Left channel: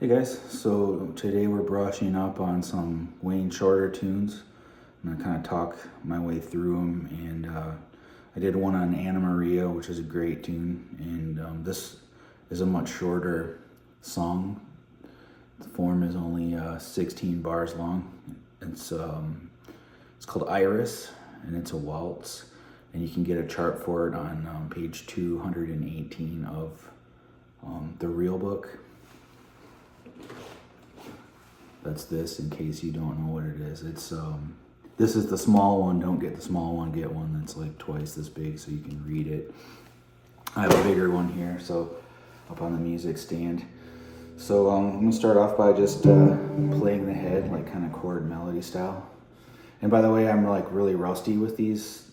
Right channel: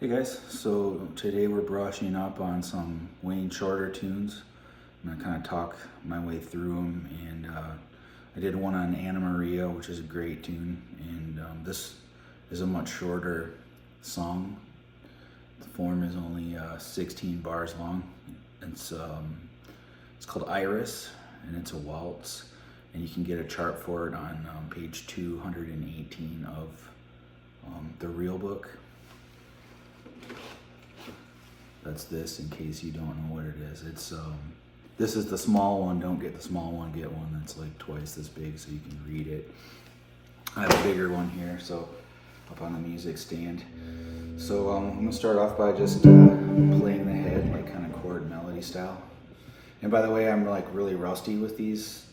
Hey guys, so today we're brushing up on some Wayne Shorter tunes. I'm gonna kind of talk my way through them, and I did one on Anna Maria, which is a great tune, and this is a much shorter song. The form is only 16 bars long. It's called Iris, and it's a waltz, and you can get a chart for it on page 218 of the real book. That's this, in case you don't know what it is. This is the small one. Don't get the small one, get one that's like twice this big so you can read it. I have a bigger one here, so up on the music stand. So I'm gonna start off by just playing the head, like kind of chord melody style. And by the way, I'm like really rusty with these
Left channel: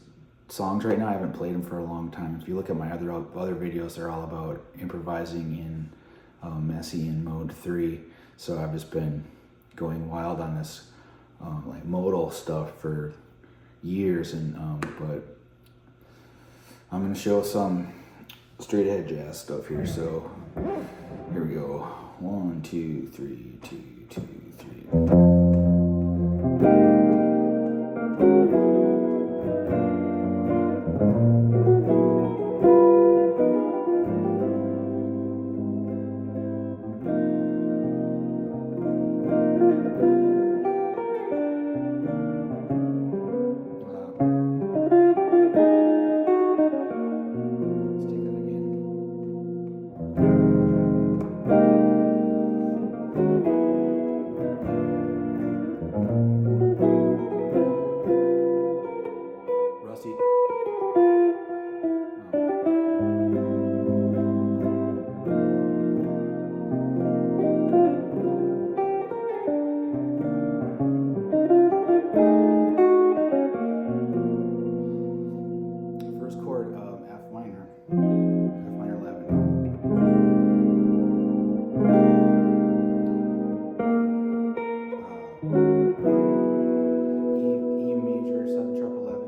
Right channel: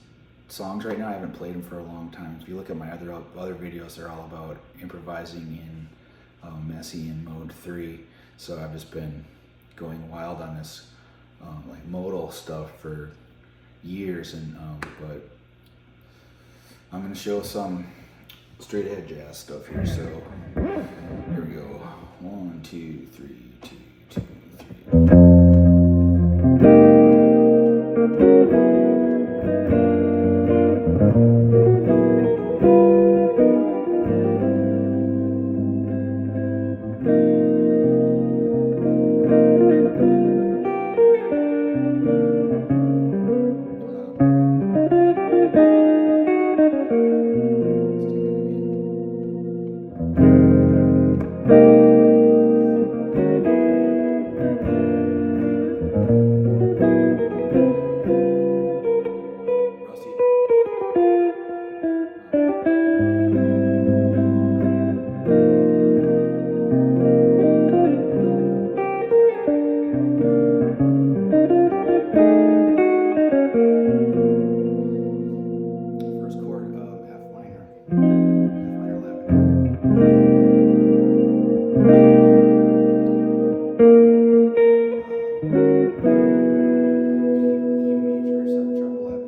songs right now. I haven't played them for a long time. If you look at my other videos, they're all about improvising in Messiaen mode 3. So I've just been going wild on this like modal stuff for years, and but I'm gonna show some straight ahead jazz stuff here. So here we go. 1, 2, 3, 2, 2, 3. First chord of F minor 11. E major 7 sharp 11,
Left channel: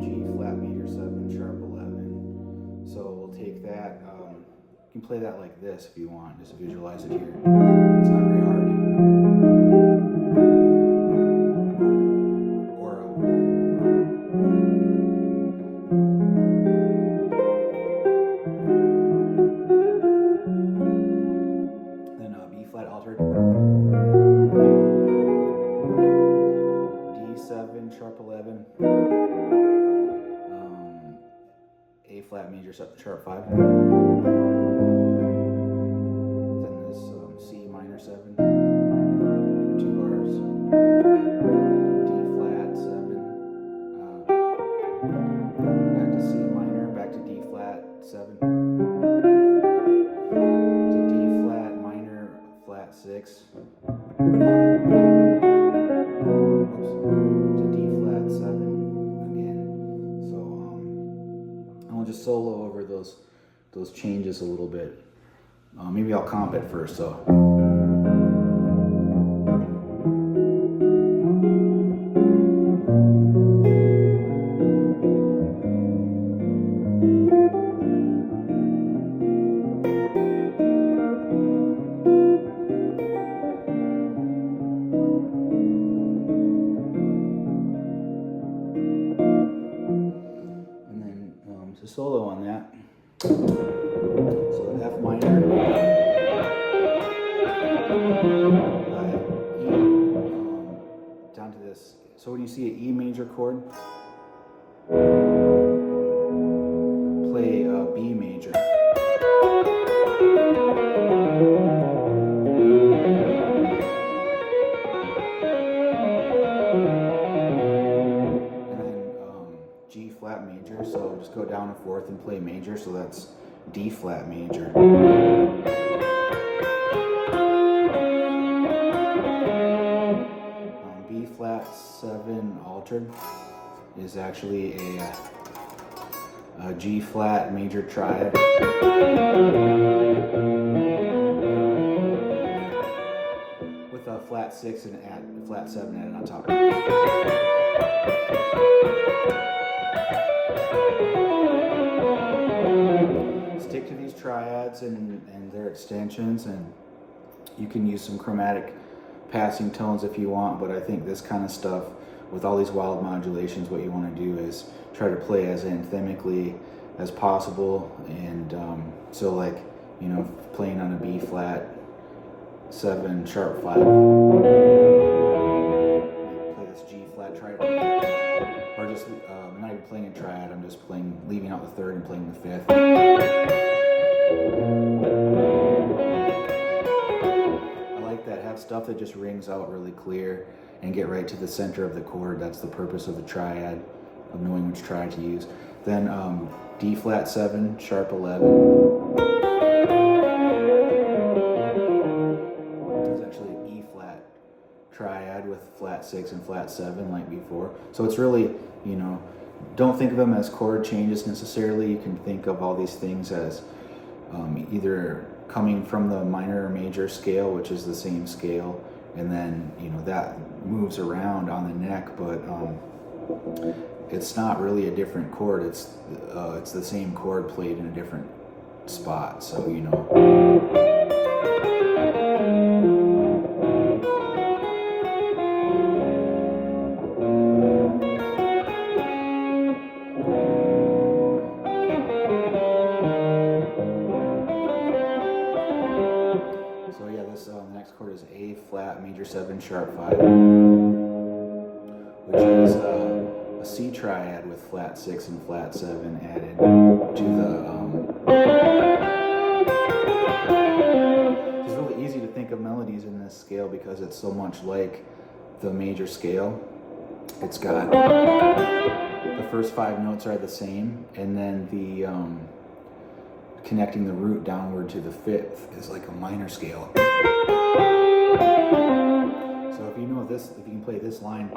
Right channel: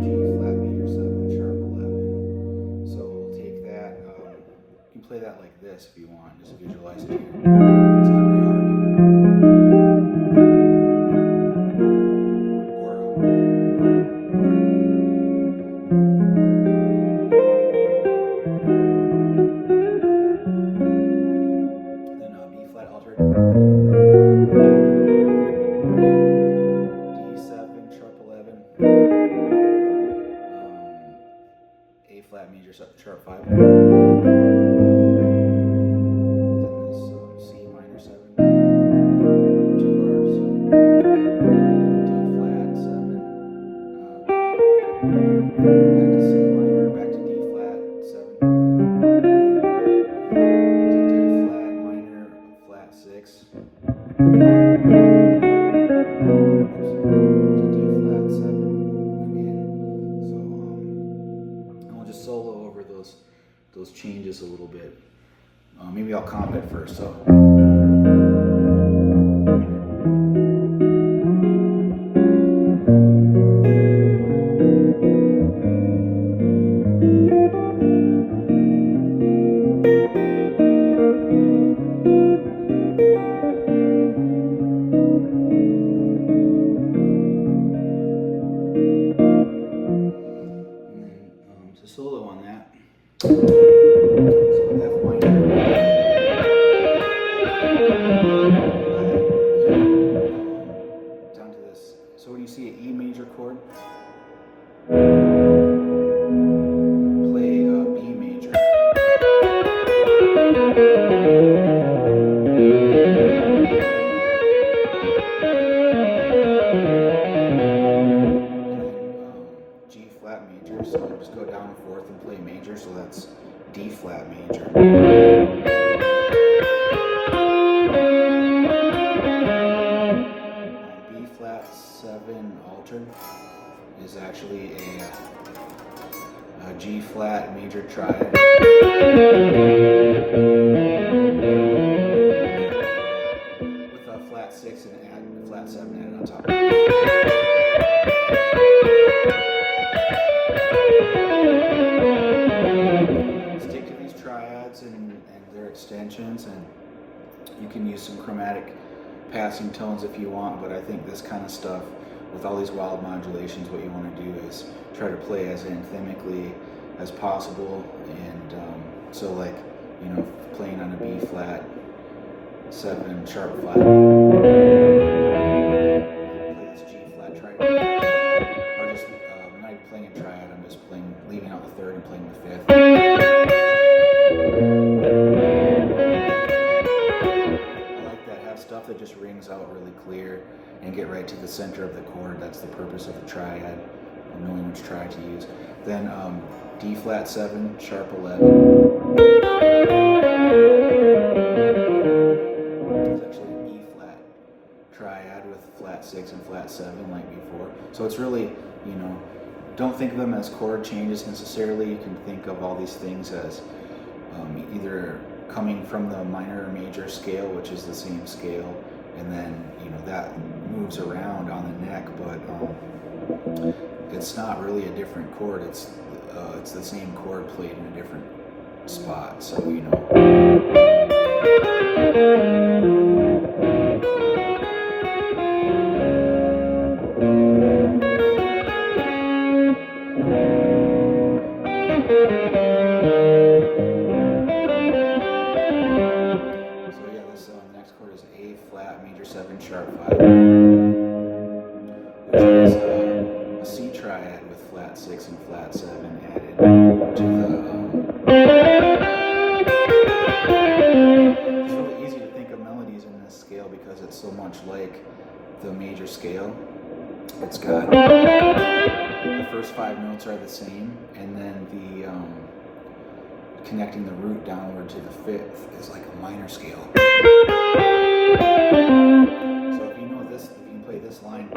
G flat major 7 sharp 11. So we'll take that. You can play that like this if you want. Just visualize it here. It's not very hard. Then B flat altered, D7 sharp 11, A flat major sharp 5, then this C minor 7, 2 bars, D flat 7, back to C minor, back to D flat 7, to D flat minor flat 6, to D flat 7 again. So and we'll just solo over those changes a little bit. Maybe I'll comp it first. So. Solo on that. So F minor, down to this. So when you see an E major chord, play B major. G flat major, so I'll just go down a fourth and play major, so that's D flat major. B flat 7 altered is actually a G flat major triad. With a flat 6 and a flat 7 added on top. Stick to these triads and they're extensions, and you can use some chromatic passing tones if you want, but I think this kind of stuff with all these wild modulations, what you want to do is try to play as anthemically as possible. And so like, you know, playing on a B flat 7 sharp 5, play this G flat triad, or just not even playing a triad, I'm just playing, leaving out the third and playing the fifth. I like that. Have stuff that just rings out really clear and get right to the center of the chord. That's the purpose of the triad, of knowing which triad to use. Then D flat 7 sharp 11. It's actually an E flat triad with flat 6 and flat 7 like before. So it's really, you know, don't think of them as chord changes necessarily. You can think of all these things as either coming from the minor or major scale, which is the same scale, and then, you know, that moves around on the neck, but it's not really a different chord. It's the same chord played in a different spot. So, you know. So yeah, this next chord is A flat major 7 sharp 5, which is a C triad with flat 6 and flat 7 added to the. It's really easy to think of melodies in this scale because it's so much like the major scale. It's got the first 5 notes are the same, and then the connecting the root downward to the 5th is like a minor scale. So if you know this, if you can play this line.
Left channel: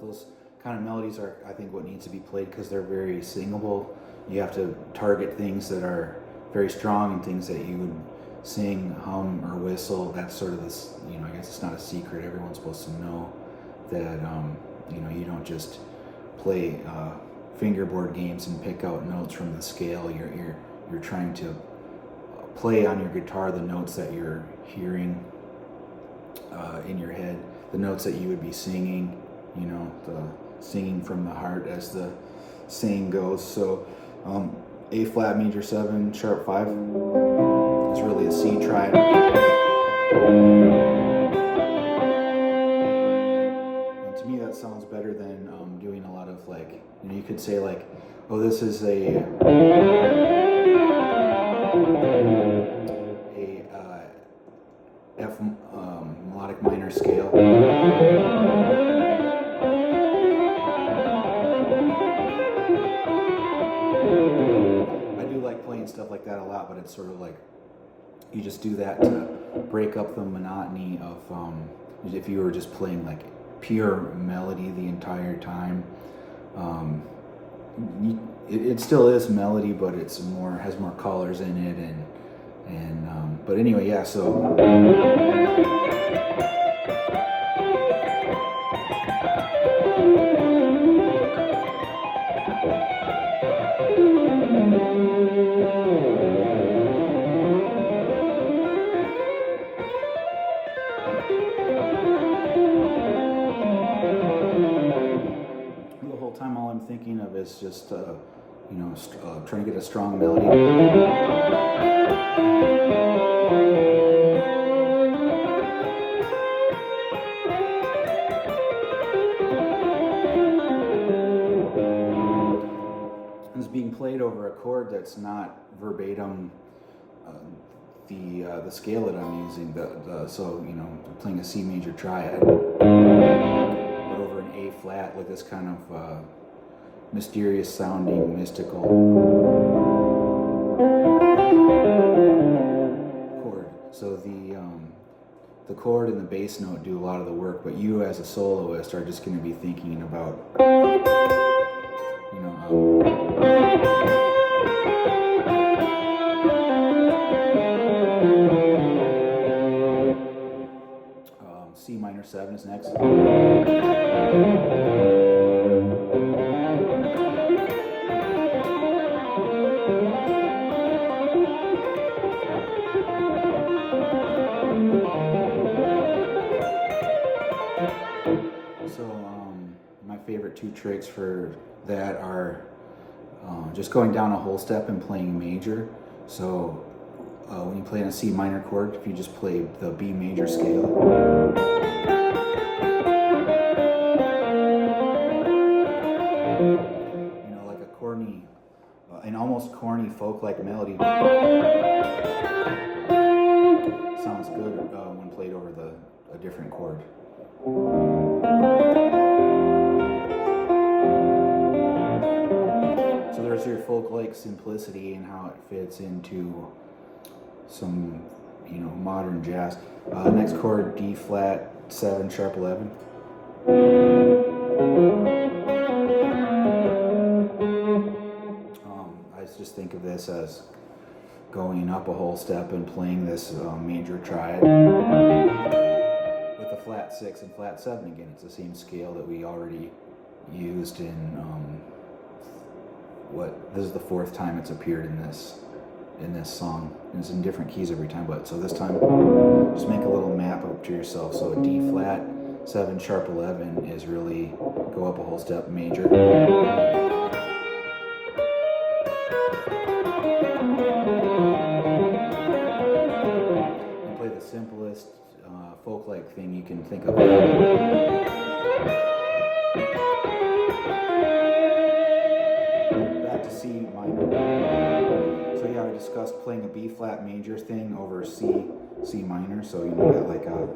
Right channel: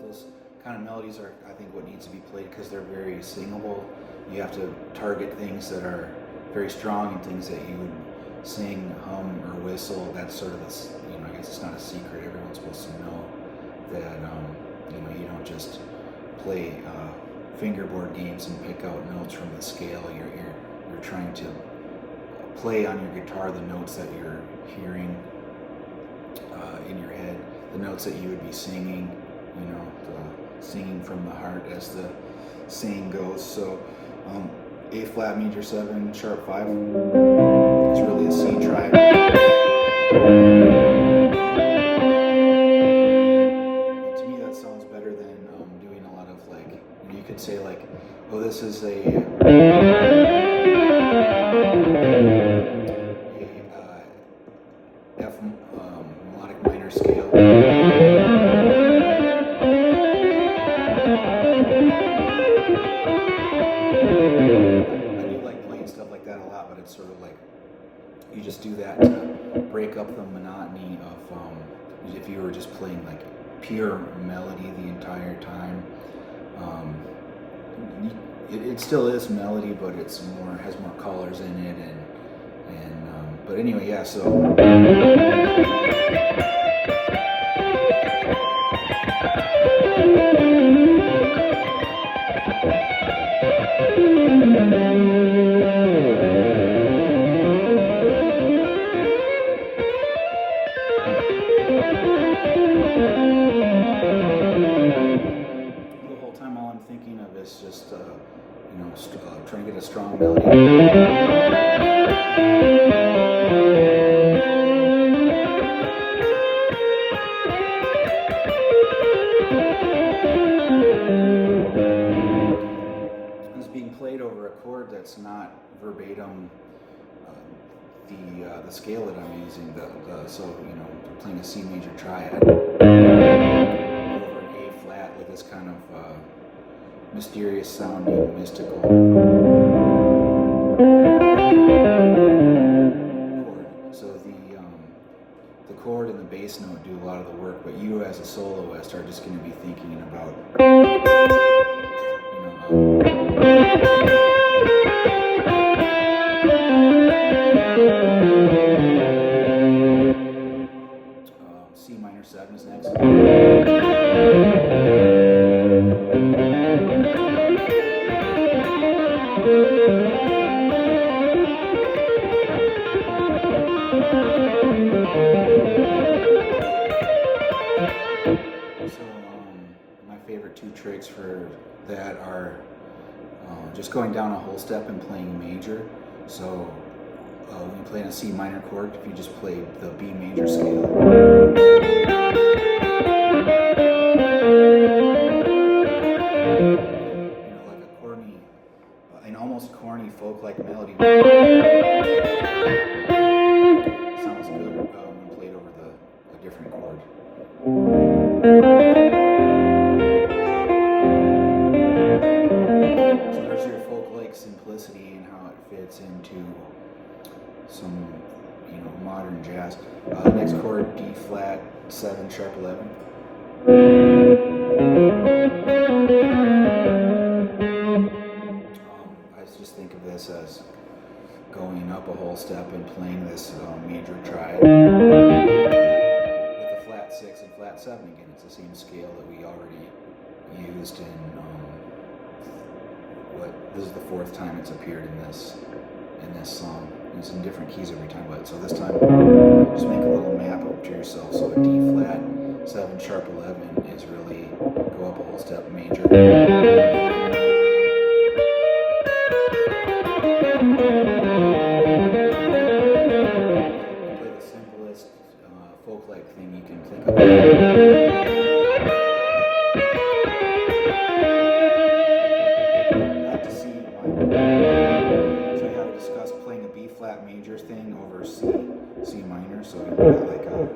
Those kind of melodies are, I think, what needs to be played because they're very singable. You have to target things that are very strong and things that you would sing, hum, or whistle. That's sort of this, you know, I guess it's not a secret. Everyone's supposed to know that, you know, you don't just play fingerboard games and pick out notes from the scale. You're trying to play on your guitar the notes that you're hearing in your head, the notes that you would be singing, you know, the singing from the heart, as the saying goes. So A flat major 7 sharp 5, it's really a C triad. And to me that sounds better than doing a lot of, like, you know, you could say like, oh, this is a F melodic minor scale. I do like playing stuff like that a lot, but it's sort of like you just do that to break up the monotony of if you were just playing like pure melody the entire time. It still is melody, but it's more, has more colors in it, and but anyway, yeah. So the whole time, all I'm thinking of is just you know, trying to get a strong melody. It's being played over a chord that's not verbatim the scale that I'm using. So, you know, playing a C major triad over an A flat with this kind of mysterious sounding, mystical chord. So the chord and the bass note do a lot of the work, but you as a soloist are just going to be thinking about, you know, C minor 7 is next. So my favorite two tricks for that are just going down a whole step and playing major. So when you play in a C minor chord, if you just play the B major scale, you know, like a corny, an almost corny folk-like melody, sounds good when played over a different chord. So there's your folk-like simplicity and how it fits into some, you know, modern jazz. Next chord, D flat 7 sharp 11. I just think of this as going up a whole step and playing this major triad with a flat 6 and flat 7 again. It's the same scale that we already used in this is the 4th time it's appeared in this song. It's in different keys every time, but so this time just make a little map up to yourself. So a D flat 7 sharp 11 is really go up a whole step major. Play the simplest folk-like thing you can think of. Back to C minor. So yeah, we discussed playing a B flat major thing over C minor. So you got like a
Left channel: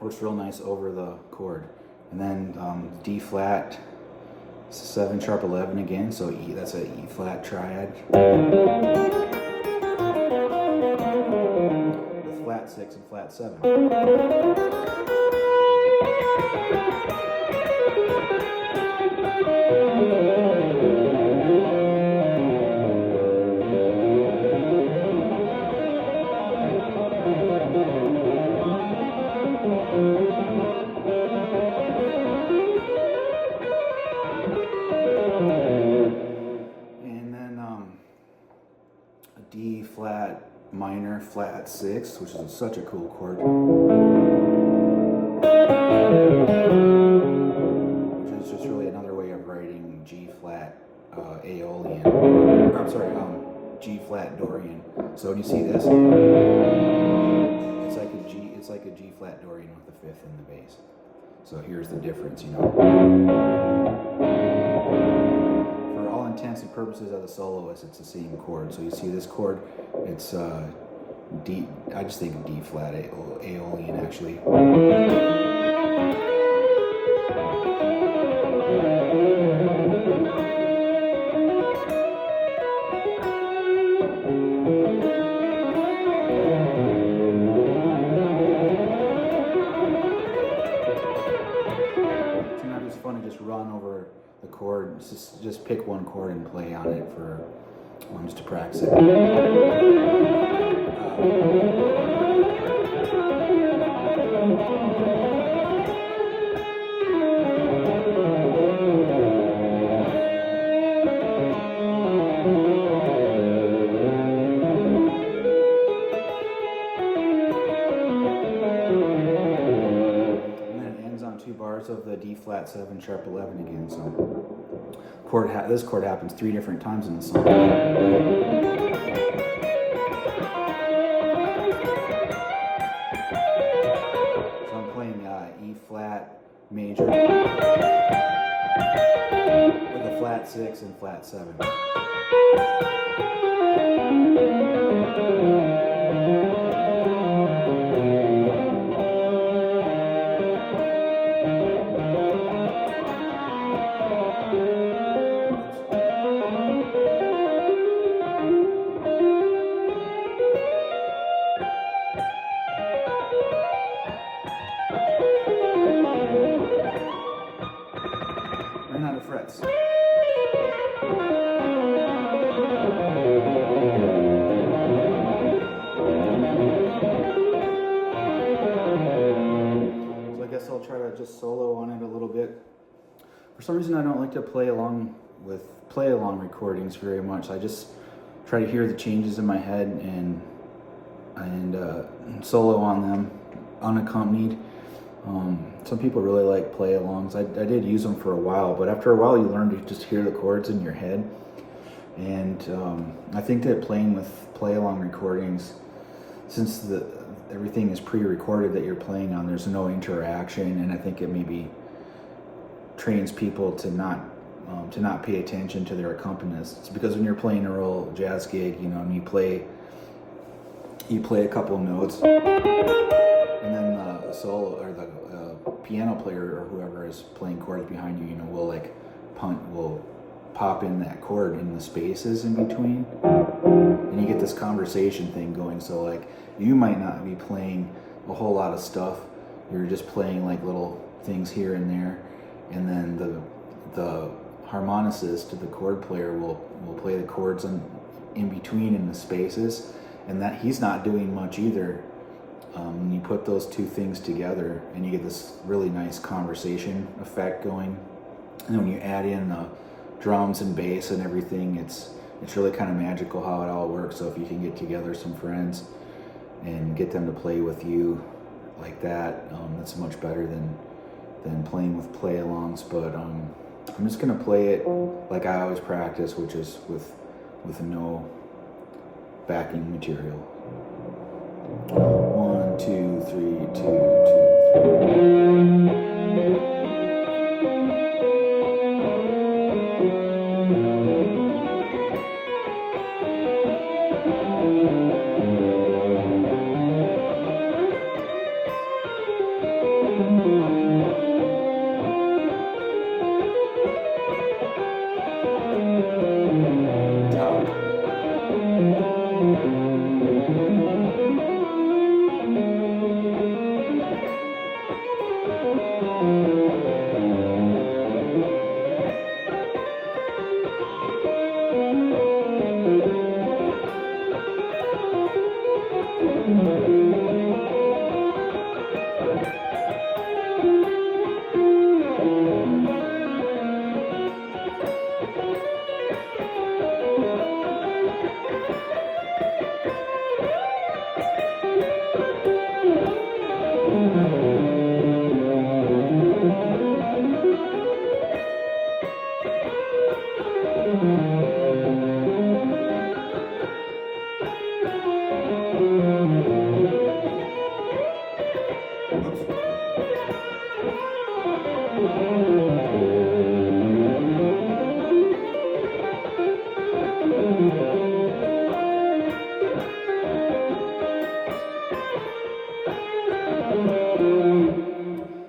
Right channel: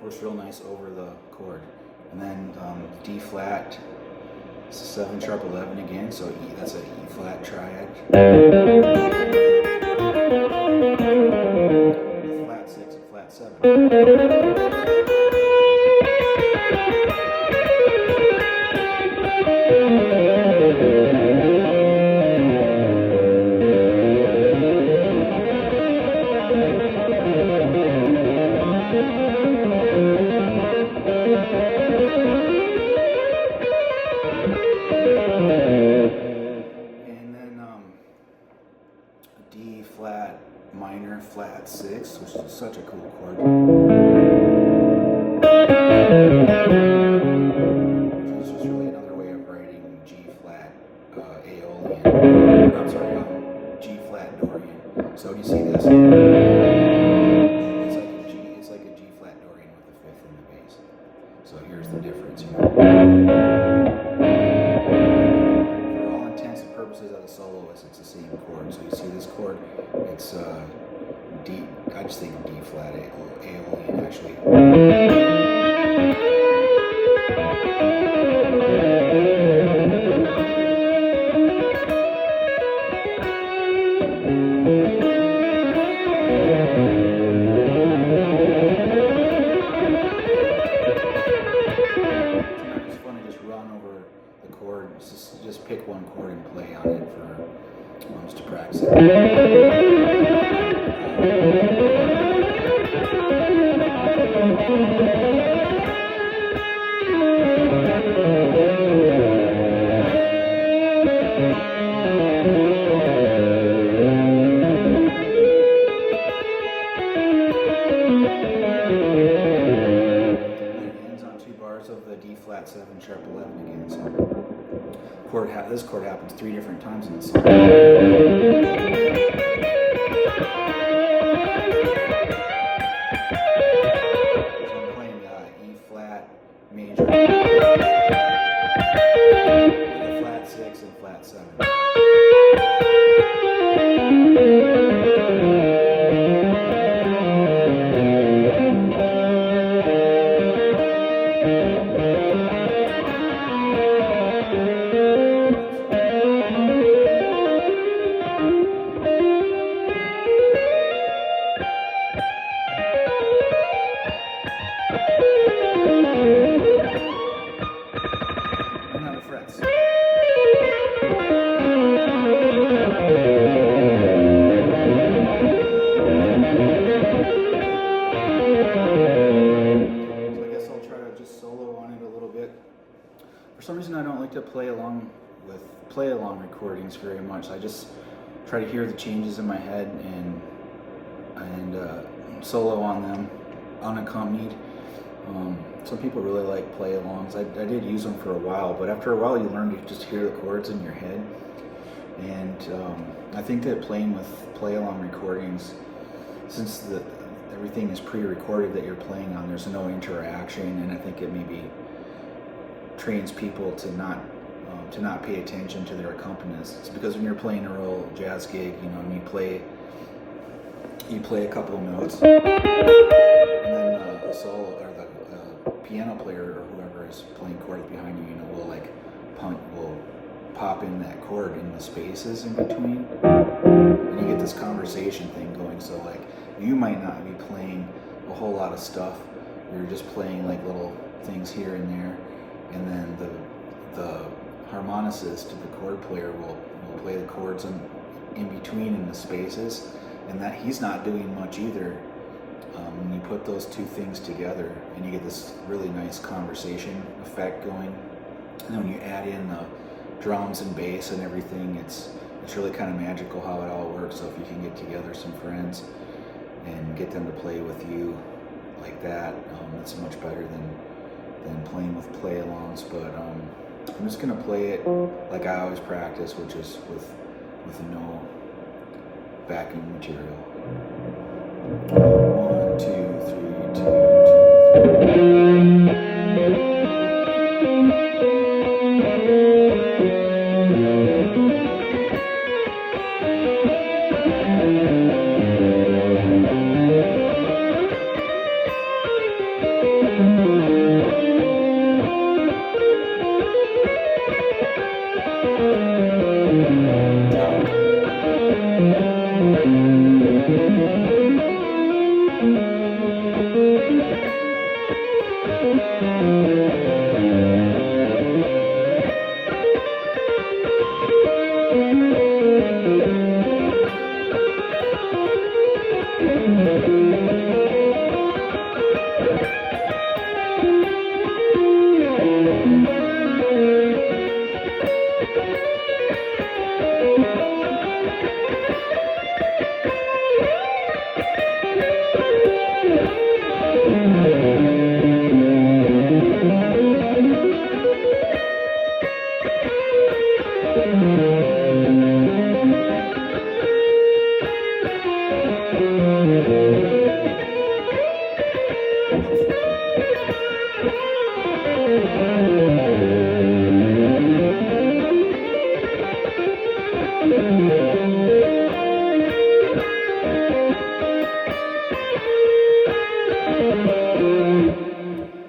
works real nice over the chord. And then D flat 7 sharp 11 again, so E, that's a E flat triad. Flat 6 and flat 7. And then a D flat minor flat 6, which is such a cool chord. Which is just really another way of writing G flat Aeolian. I'm sorry, G flat Dorian. So when you see this, it's like a G flat Dorian with the 5th in the bass. So here's the difference, you know. For all intents and purposes as a soloist, it's the same chord. So you see this chord, it's D, I just think of D flat Aeolian actually. Sometimes it's fun to just run over the chord, just pick one chord and play on it for just to practice it. Of the D flat 7 sharp 11 again. So this chord happens 3 different times in the song. So I'm playing E flat major with a flat 6 and flat 7. frets. So I guess I'll try to just solo on it a little bit. For some reason I don't like to play along recordings very much. I just try to hear the changes in my head and solo on them unaccompanied. Some people really like play alongs. I did use them for a while, but after a while you learn to just hear the chords in your head. And I think that playing with play along recordings, since everything is pre-recorded that you're playing on, there's no interaction, and I think it maybe trains people to not pay attention to their accompanists. Because when you're playing a real jazz gig, and you play a couple of notes, and then a solo or the piano player or whoever is playing chords behind you, will pop in that chord in the spaces in between, and you get this conversation thing going. So you might not be playing a whole lot of stuff, you're just playing little things here and there, and then the harmonicist, the chord player, will play the chords in between in the spaces, and that he's not doing much either. And you put those two things together and you get this really nice conversation effect going. And then when you add in the drums and bass and everything, it's really kind of magical how it all works. So if you can get together some friends and get them to play with you like that, it's much better than playing with play-alongs. But I'm just gonna play it like I always practice, which is with no backing material. 1, 2, 3, 2,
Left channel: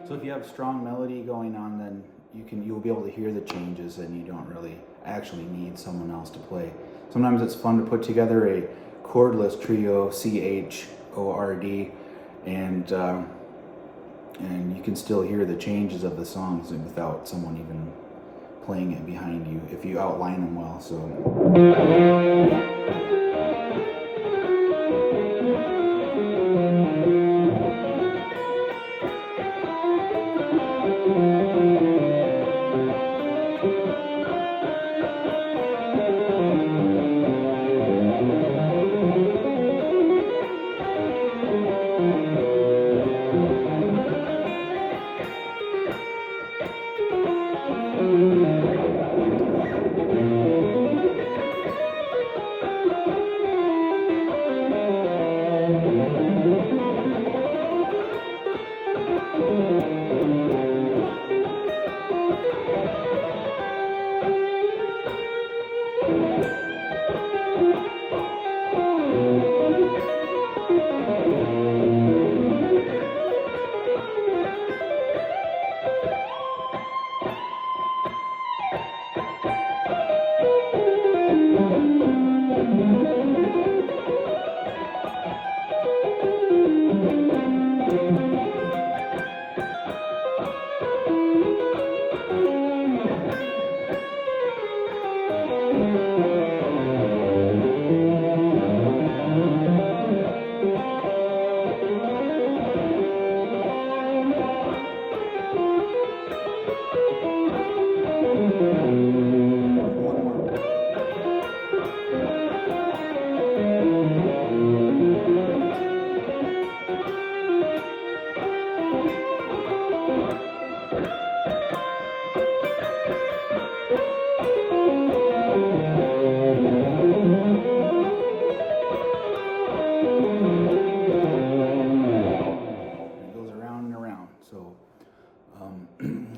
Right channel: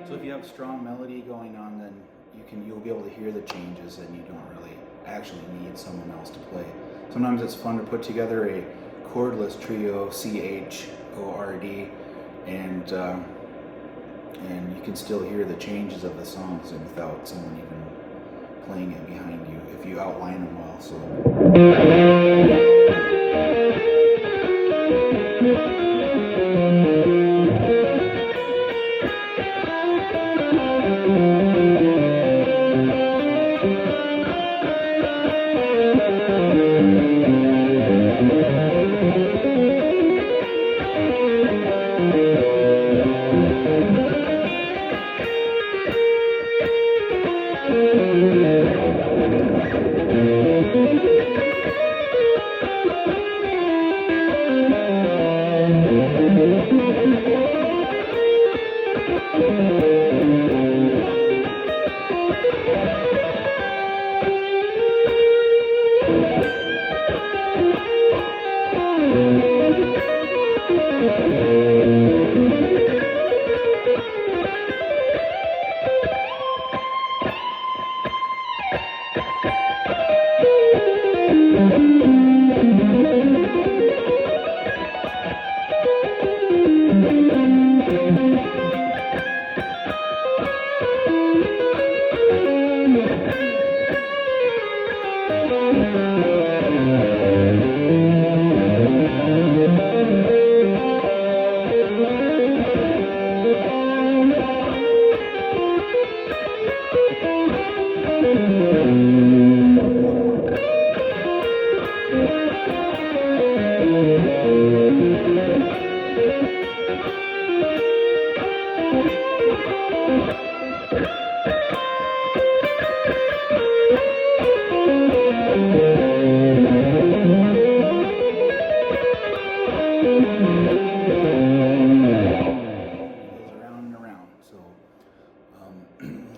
So if you have strong melody going on, then you'll be able to hear the changes, and you don't really actually need someone else to play. Sometimes it's fun to put together a chordless trio, C-H-O-R-D, and you can still hear the changes of the songs without someone even playing it behind you if you outline them well. So.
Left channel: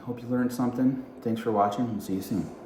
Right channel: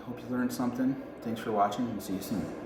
Hope you learned something. Thanks for watching. We'll see you soon.